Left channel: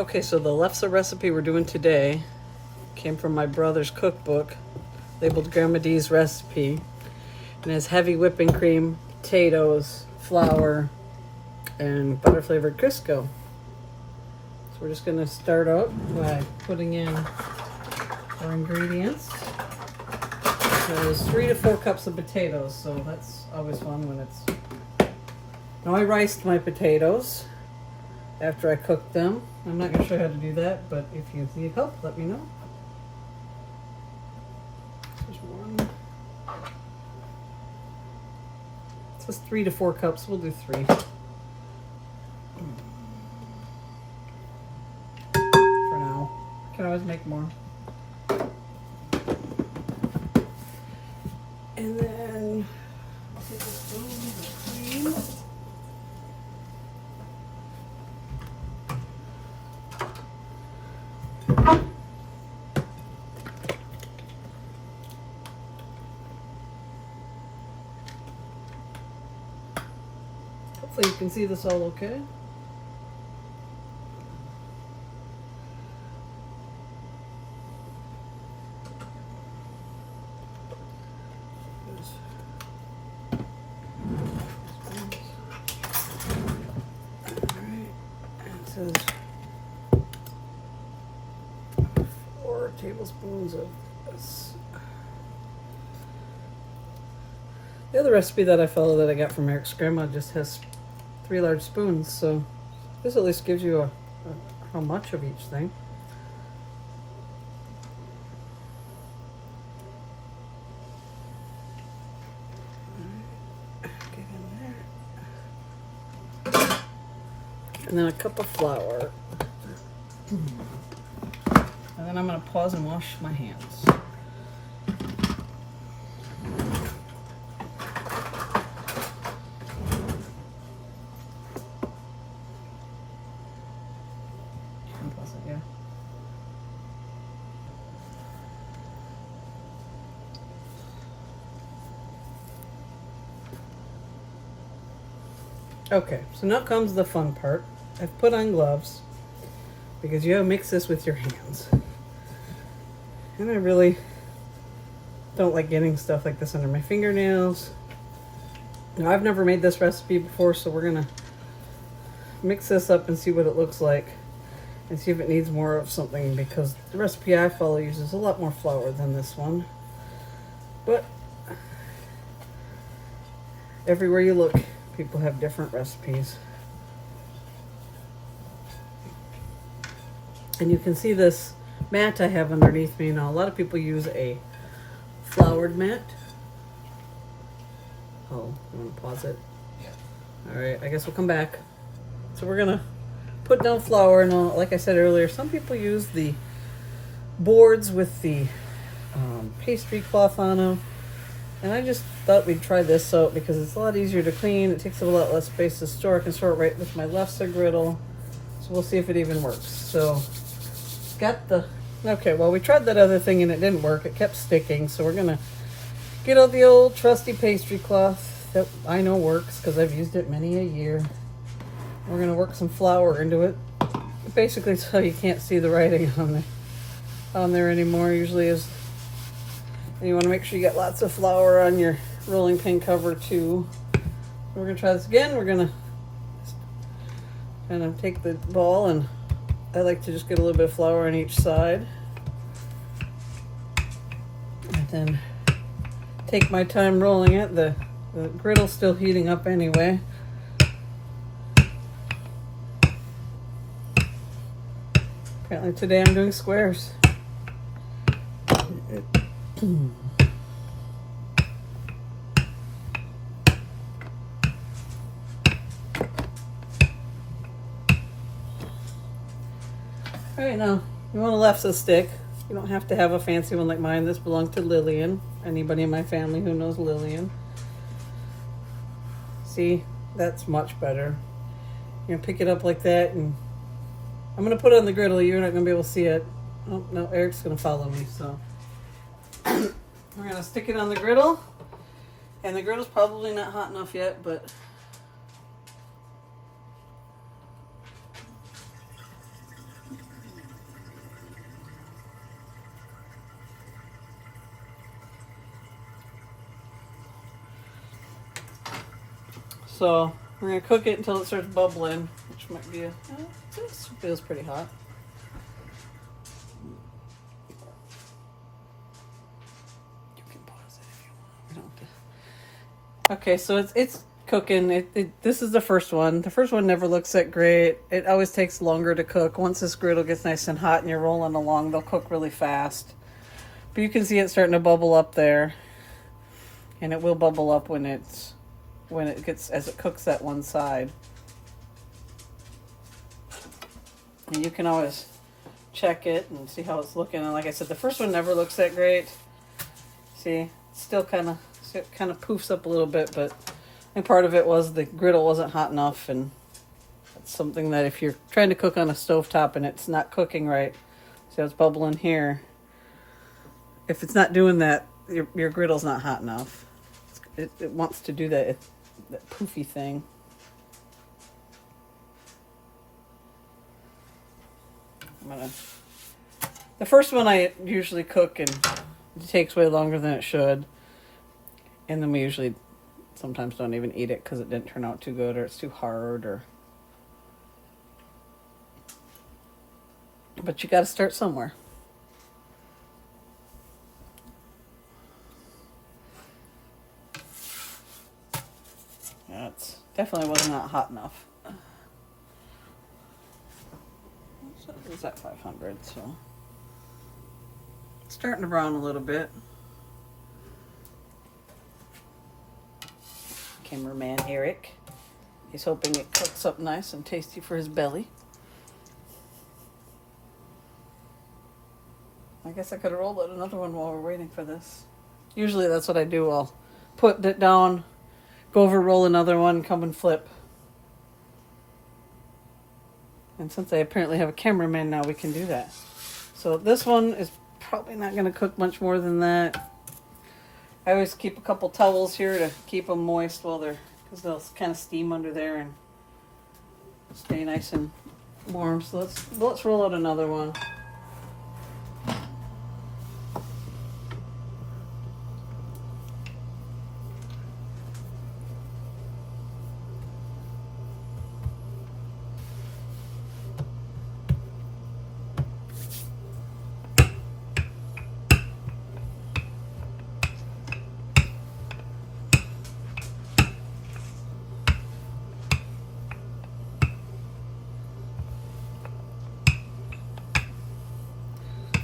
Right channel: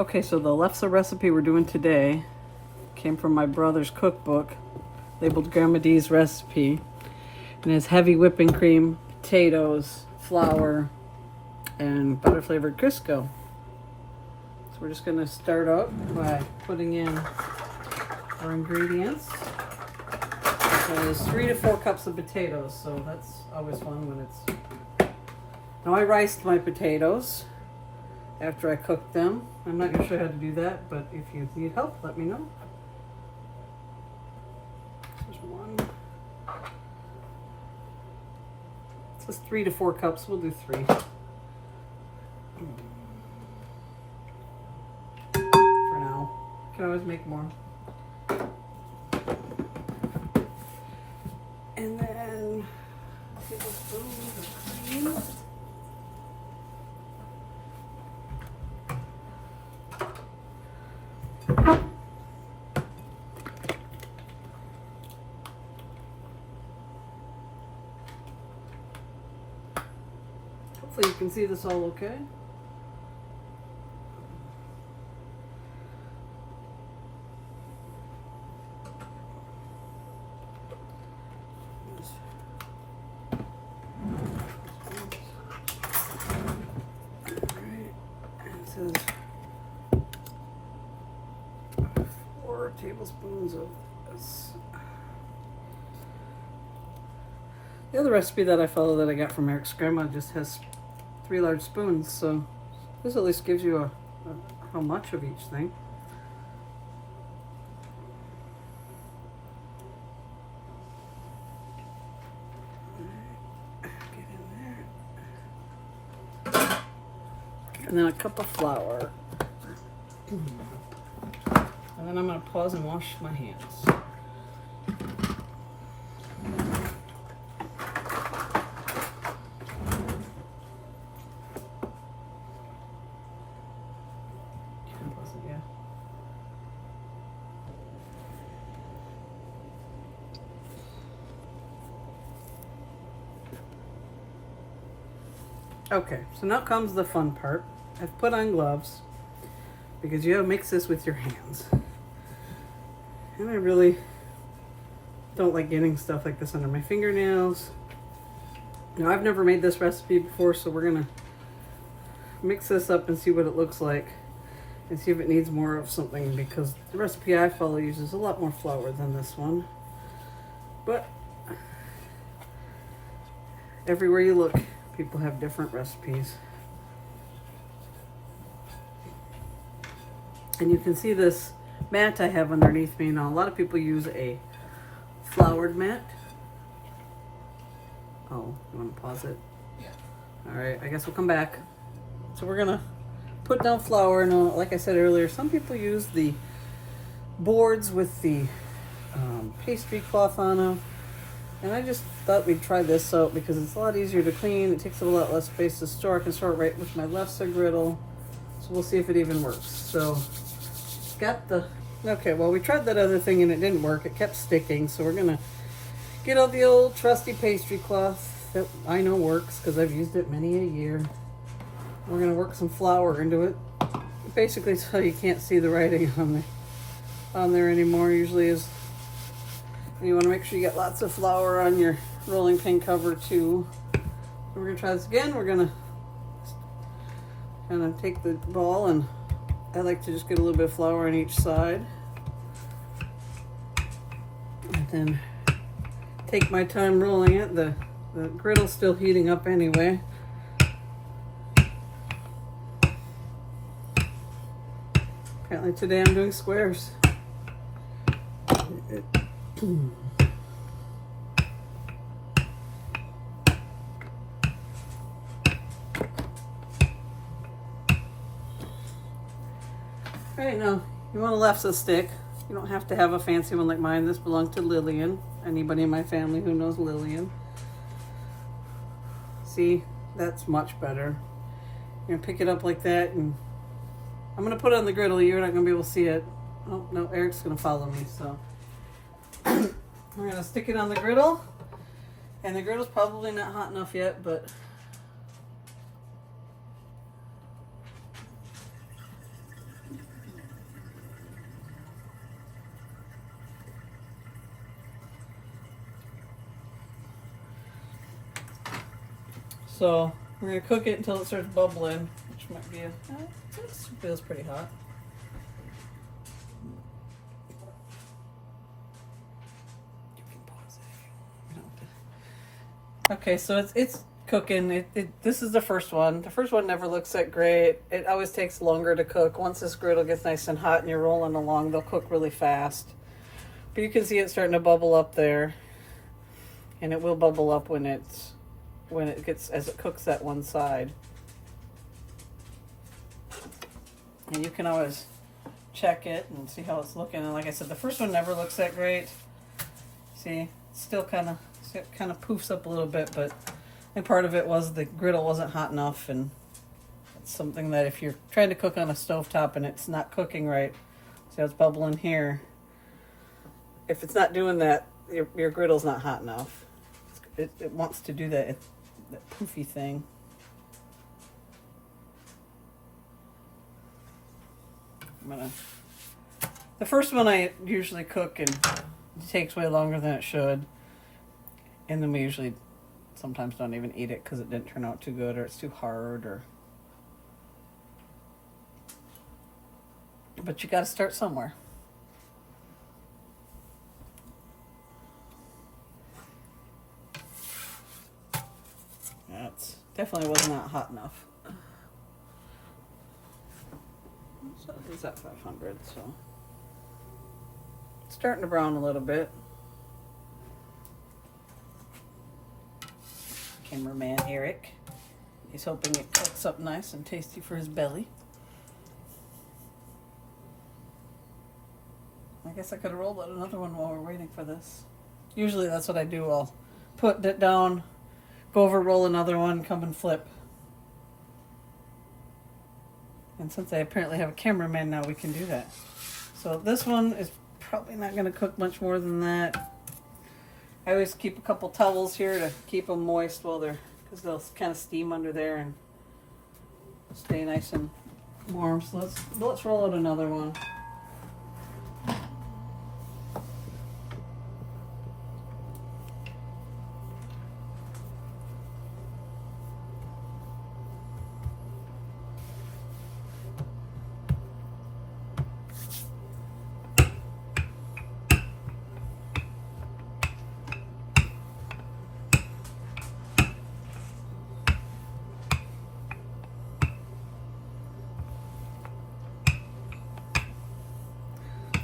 Okay, so the Lefse recipe we're doing today came from my brother's cookbook, labeled Grandma Dee's recipe. And it's heavy whipping cream, potatoes, flour, and butter flavored Crisco. So we're just gonna start out by putting in our ingredients. So there's 3 to 4 cups of potatoes, so that's always fun when it's... Now I riced my potatoes after I cooked them. I'm not gonna show you how to do that, but if you need help, let me know. There's one. It says 3 to 4 cups, we'll do 3. For now. Can always make more. And then tablespoons of cream. Hopefully you can see this all okay. Says 4 tablespoons of this. The other recipe that I follow that I got from Eric's grandma just has 3 large spoons, so this at least gives you how much of each thing. Get in there. And then a cup of flour. And then I'm going to pause and wash my hands. Pause it, yeah. Okay, so now comes the fun part. I've put on gloves because you have to mix this with your hands. And I really don't like getting stuff like this under my fingernails. Now, I've never made this recipe before, so we're gonna mix this up and see what it looks like and see if it needs more of something, because the recipe I follow uses a lot more flour than this one. But everywhere you look, people have different recipes. And you can see this mat I have underneath me now. A lot of people use a floured mat. Oh, you want to pause it? Yeah. All right, I guess we'll come back. So we're gonna put down flour. Now, like I said earlier, some people use the boards with the pastry cloth on them. And I just thought we'd try this out because it's a lot easier to clean. It takes a lot less space to store. I can store it right with my Lefse griddle. So we'll see if it even works. So got the, okay, well, we tried that other thing and it didn't work. It kept sticking. So we're gonna get out the old trusty pastry cloth that I know works because I've used it many a year. We're gonna work some flour into it, basically so you can't see the writing on there anymore. Usually is. And you want to make sure you get lots of flour on your rolling pin cover too. We're gonna try this again. We're gonna kind of take the ball, and I like to just get a little bit of flour on each side, and then take my time rolling it. The griddle's still heating up anyway. Apparently today I'm doing squares. Alright, now you want a Lefse stick. You don't have to have a fancy one like mine. This belonged to Lillian. Anybody in my family who knows Lillian. See, that's much better. You're gonna pick it up like that, and I'm gonna put it on the griddle. You're not gonna be able to see it. Oh no, Eric's gonna follow me, so we're gonna stick it on the griddle. And the griddle's probably not hot enough yet, but So we're gonna cook it until it starts bubbling, which might be it feels pretty hot. You can pause it if you want. Okay, so it's cooking. This is the first one. The first one never looks that great. It always takes longer to cook. Once this griddle gets nice and hot and you're rolling along, they'll cook really fast. But you can see it starting to bubble up there, and it will bubble up when it gets, as it cooks that one side. And you can always check it and see how it's looking. And like I said, the first one never looks that great. See, it's still kind of poofs up a little bit, but I think part of it was the griddle wasn't hot enough, and it's something that if you're trying to cook on a stovetop and it's not cooking right, see how it's bubbling here. If it's not doing that, your griddle's not hot enough. It wants to do that poofy thing. The first one I usually cook and it takes way longer than it should, and then we usually sometimes don't even eat it because it didn't turn out too good, or it's too hard, but you got to start somewhere. That's definitely was not hot enough. So it's at 500, so it's starting to brown a little bit. Cameraman Eric, he's hoping it cooks up nice and tasty for his belly. I guess I could have rolled out another one while we're waiting for this. Usually that's what I do. I'll put it down, go over, roll another one, come and flip. And since I apparently have a cameraman now, we can do that. So this one is probably not going to cook much more than that. I always keep a couple towels here to keep them moist while because they'll kind of steam under there and stay nice and warm. So let's roll out another one.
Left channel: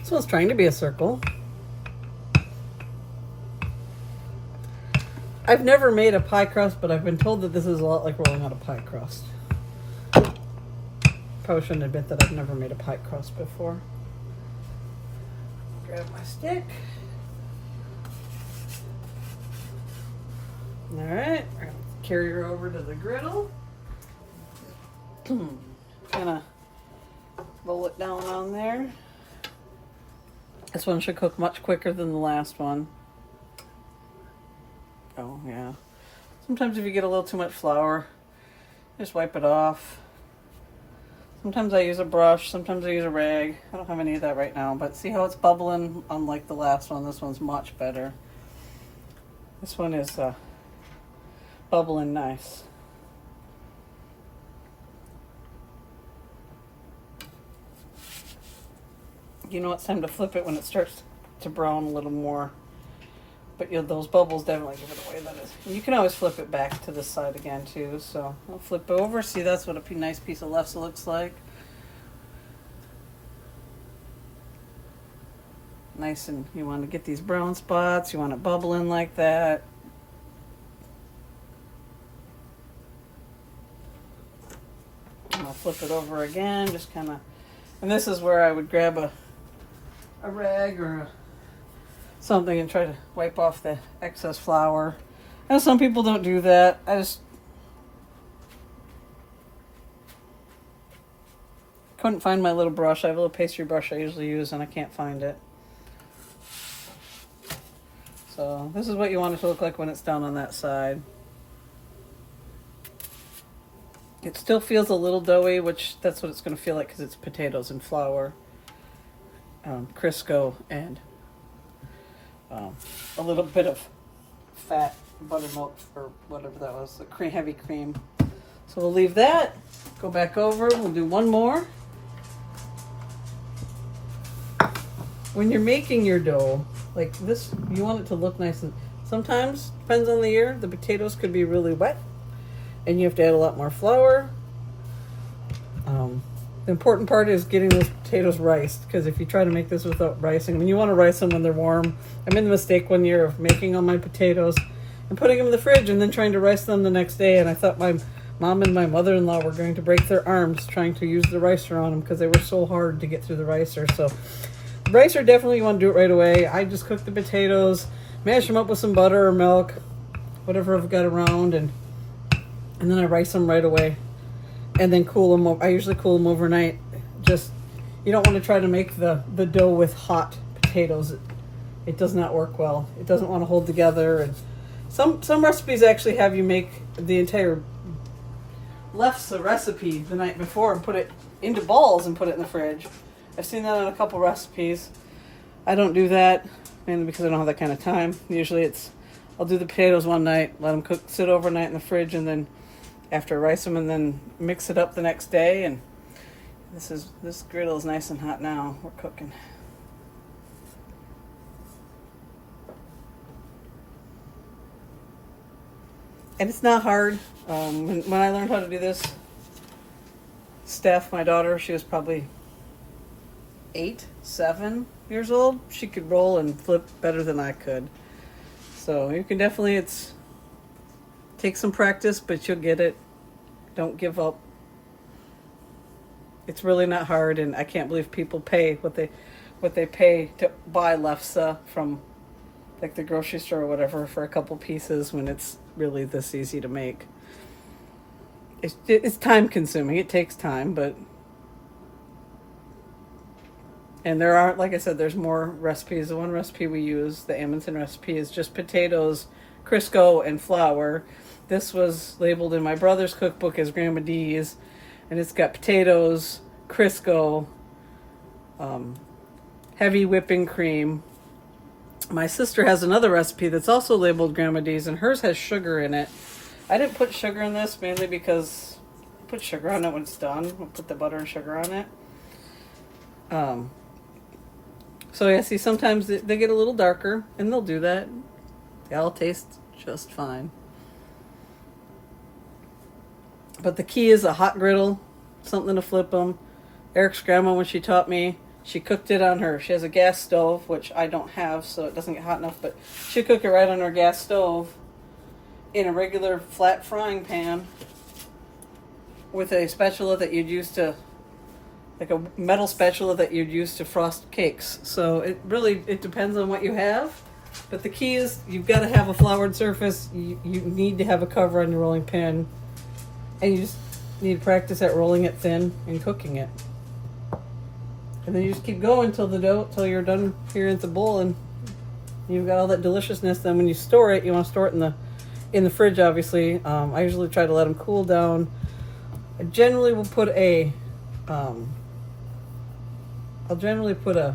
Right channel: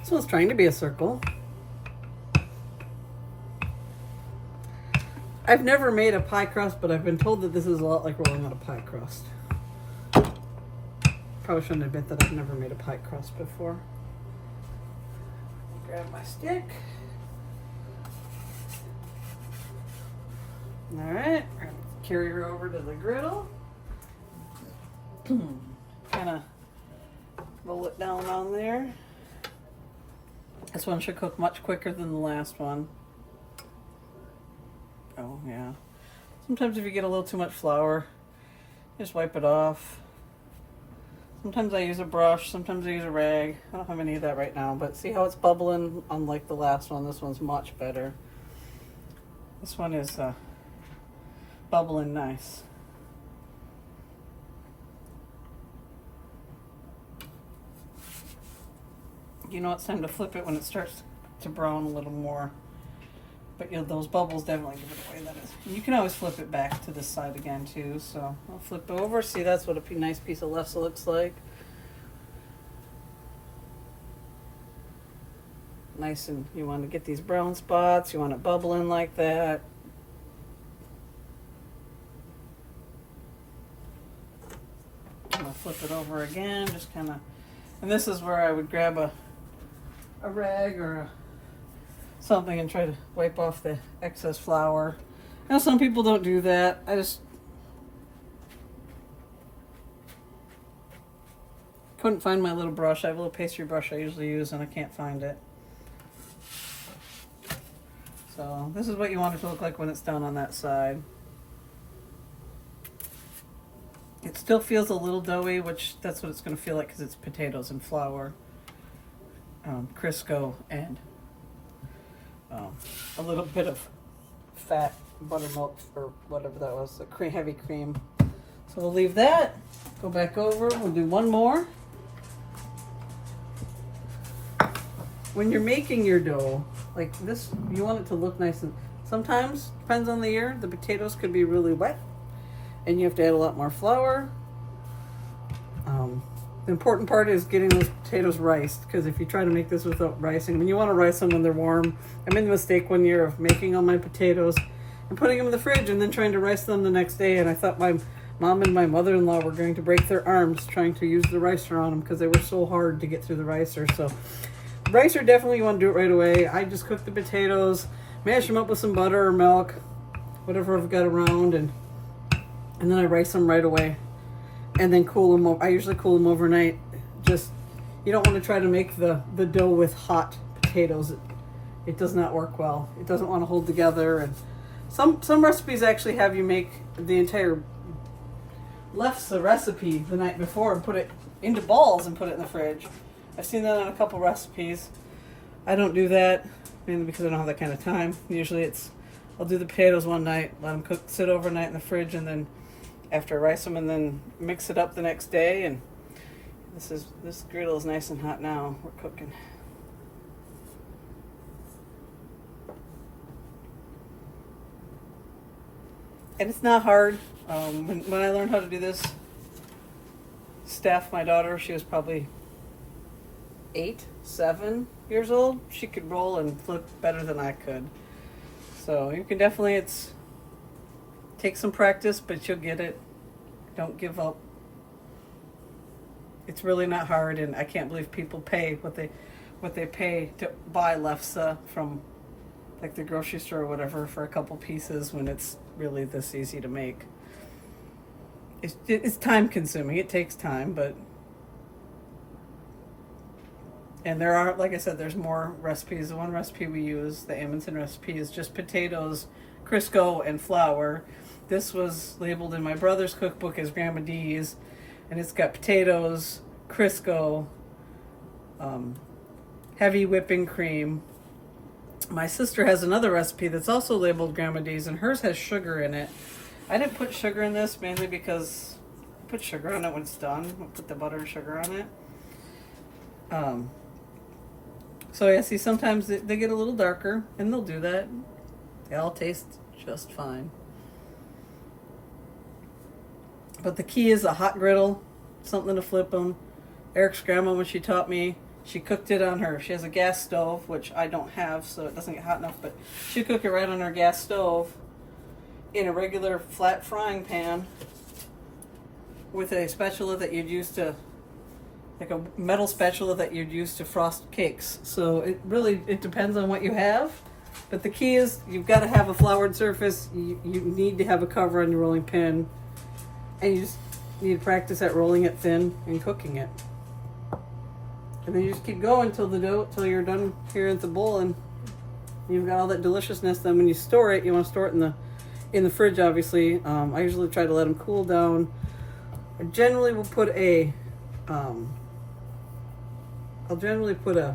So it's trying to be a circle. I've never made a pie crust, but I've been told that this is a lot like rolling out a pie crust. Probably shouldn't admit that I've never made a pie crust before. Grab my stick. All right, carry her over to the griddle. Kind of roll it down on there. This one should cook much quicker than the last one. Oh, yeah. Sometimes if you get a little too much flour, just wipe it off. Sometimes I use a brush, sometimes I use a rag. I don't have any of that right now, but see how it's bubbling? Unlike the last one, this one's much better. This one is bubbling nice. You know it's time to flip it when it starts to brown a little more. But those bubbles definitely give it away. That is. And you can always flip it back to this side again too. So I'll flip over. See, that's what a nice piece of Lefse looks like. Nice, and you want to get these brown spots. You want it bubbling like that. I'll flip it over again. Just kind of, and this is where I would grab a rag or something and try to wipe off the excess flour. Now some people don't do that. I just couldn't find my little brush. I have a little pastry brush I usually use and I can't find it. So this is what you want it to look like when it's down on that side. It still feels a little doughy, which that's what it's going to feel like because it's potatoes and flour, Crisco, and a little bit of fat buttermilk or whatever that was, the cream, heavy cream. So we'll leave that, go back over, we'll do one more. When you're making your dough, like this, you want it to look nice, and sometimes, depends on the year, the potatoes could be really wet and you have to add a lot more flour. The important part is getting those potatoes riced, because if you try to make this without ricing, when you want to rice them when they're warm. I made the mistake one year of making all my potatoes and putting them in the fridge and then trying to rice them the next day, and I thought my mom and my mother-in-law were going to break their arms trying to use the ricer on them because they were so hard to get through the ricer. So ricer, definitely you want to do it right away. I just cook the potatoes, mash them up with some butter or milk, whatever I've got around, and then I rice them right away. And then cool them. I usually cool them overnight. Just, you don't want to try to make the dough with hot potatoes. It does not work well. It doesn't want to hold together. And some recipes actually have you make the entire Lefse recipe the night before and put it into balls and put it in the fridge. I've seen that on a couple recipes. I don't do that, mainly because I don't have that kind of time. Usually I'll do the potatoes one night, let them sit overnight in the fridge, and then after I rice them, and then mix it up the next day. And this griddle is nice and hot now. We're cooking. And it's not hard. When I learned how to do this, Steph, my daughter, she was probably 7 years old. She could roll and flip better than I could. So you can definitely, take some practice, but you'll get it. Don't give up. It's really not hard, and I can't believe people pay what they pay to buy Lefse from like the grocery store or whatever for a couple pieces when it's really this easy to make. It's time consuming. It takes time, and there are, like I said, there's more recipes. The one recipe we use, the Amundsen recipe, is just potatoes, Crisco, and flour. This was labeled in my brother's cookbook as Grandma D's, and it's got potatoes, Crisco, heavy whipping cream. My sister has another recipe that's also labeled Grandma D's, and hers has sugar in it. I didn't put sugar in this mainly because I put sugar on it when it's done. I'll put the butter and sugar on it. So yeah, see, sometimes they get a little darker, and they'll do that. They all taste just fine. But the key is a hot griddle, something to flip them. Eric's grandma, when she taught me, she cooked it on she has a gas stove, which I don't have, so it doesn't get hot enough, but she cooked it right on her gas stove in a regular flat frying pan with a spatula that you'd use to, like a metal spatula that you'd use to frost cakes. So it depends on what you have. But the key is you've got to have a floured surface. You need to have a cover on your rolling pin. And you just need to practice at rolling it thin and cooking it. And then you just keep going till you're done here at the bowl, and you've got all that deliciousness. Then when you store it, you want to store it in the fridge, obviously. I usually try to let them cool down. I generally will put I'll generally put a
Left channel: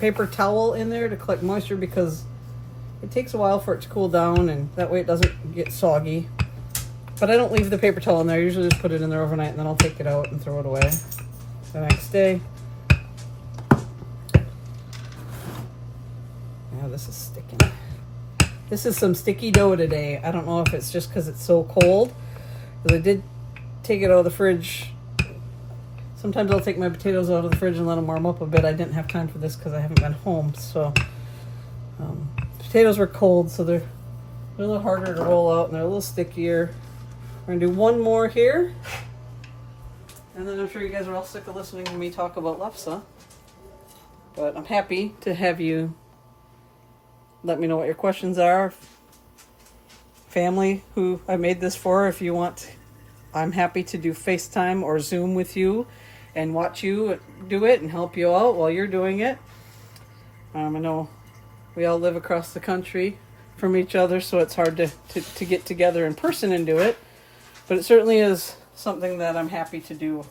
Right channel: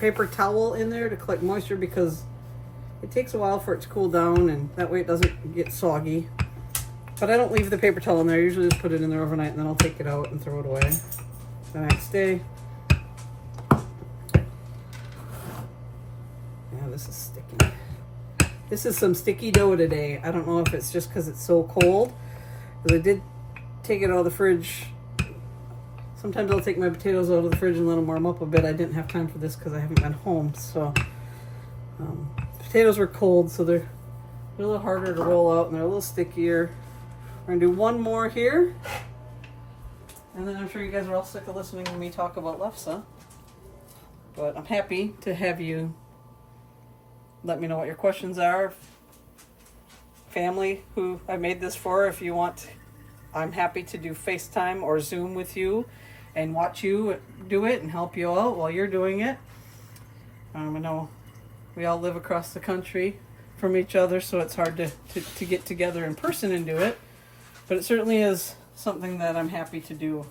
paper towel in there to collect moisture, because it takes a while for it to cool down, and that way it doesn't get soggy. But I don't leave the paper towel in there. I usually just put it in there overnight, and then I'll take it out and throw it away the next day. Yeah, this is sticking. This is some sticky dough today. I don't know if it's just because it's so cold, because I did take it out of the fridge. Sometimes I'll take my potatoes out of the fridge and let them warm up a bit. I didn't have time for this because I haven't been home. So potatoes were cold, so they're a little harder to roll out, and they're a little stickier. We're going to do one more here. And then I'm sure you guys are all sick of listening to me talk about Lefse. But I'm happy to have you let me know what your questions are. Family who I made this for, if you want, I'm happy to do FaceTime or Zoom with you and watch you do it and help you out while you're doing it. I know we all live across the country from each other, so it's hard to get together in person and do it. But it certainly is something that I'm happy to do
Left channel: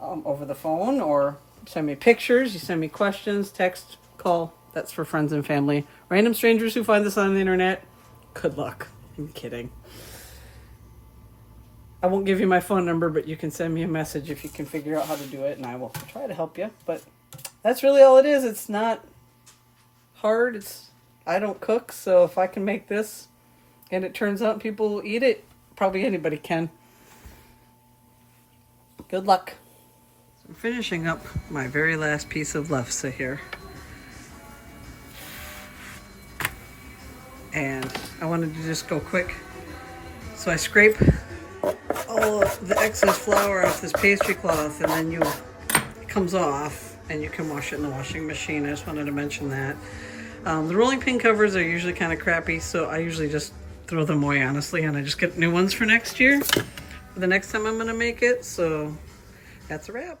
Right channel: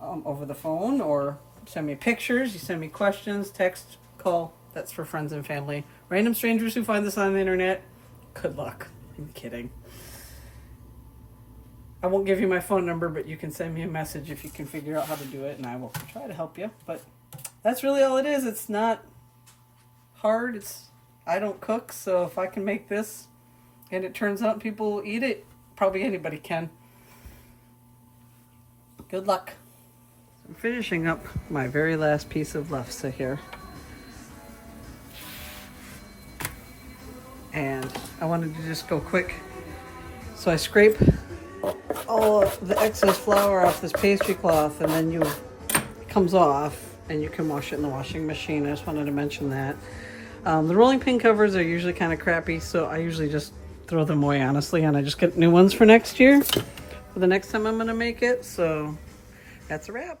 over the phone, or send me pictures, you send me questions, text, call, That's for friends and family. Random strangers who find this on the internet, good luck. I'm kidding. I won't give you my phone number, but you can send me a message if you can figure out how to do it, and I will try to help you. But that's really all it is. It's not hard. I don't cook, so if I can make this and it turns out people will eat it, probably anybody can. Good luck. So I'm finishing up my very last piece of Lefse here. And I wanted to just go quick. So I scrape all of the excess flour off this pastry cloth, and then it comes off and you can wash it in the washing machine. I just wanted to mention that. The rolling pin covers are usually kind of crappy, so I usually just throw them away, honestly, and I just get new ones for next year, for the next time I'm going to make it. So that's a wrap.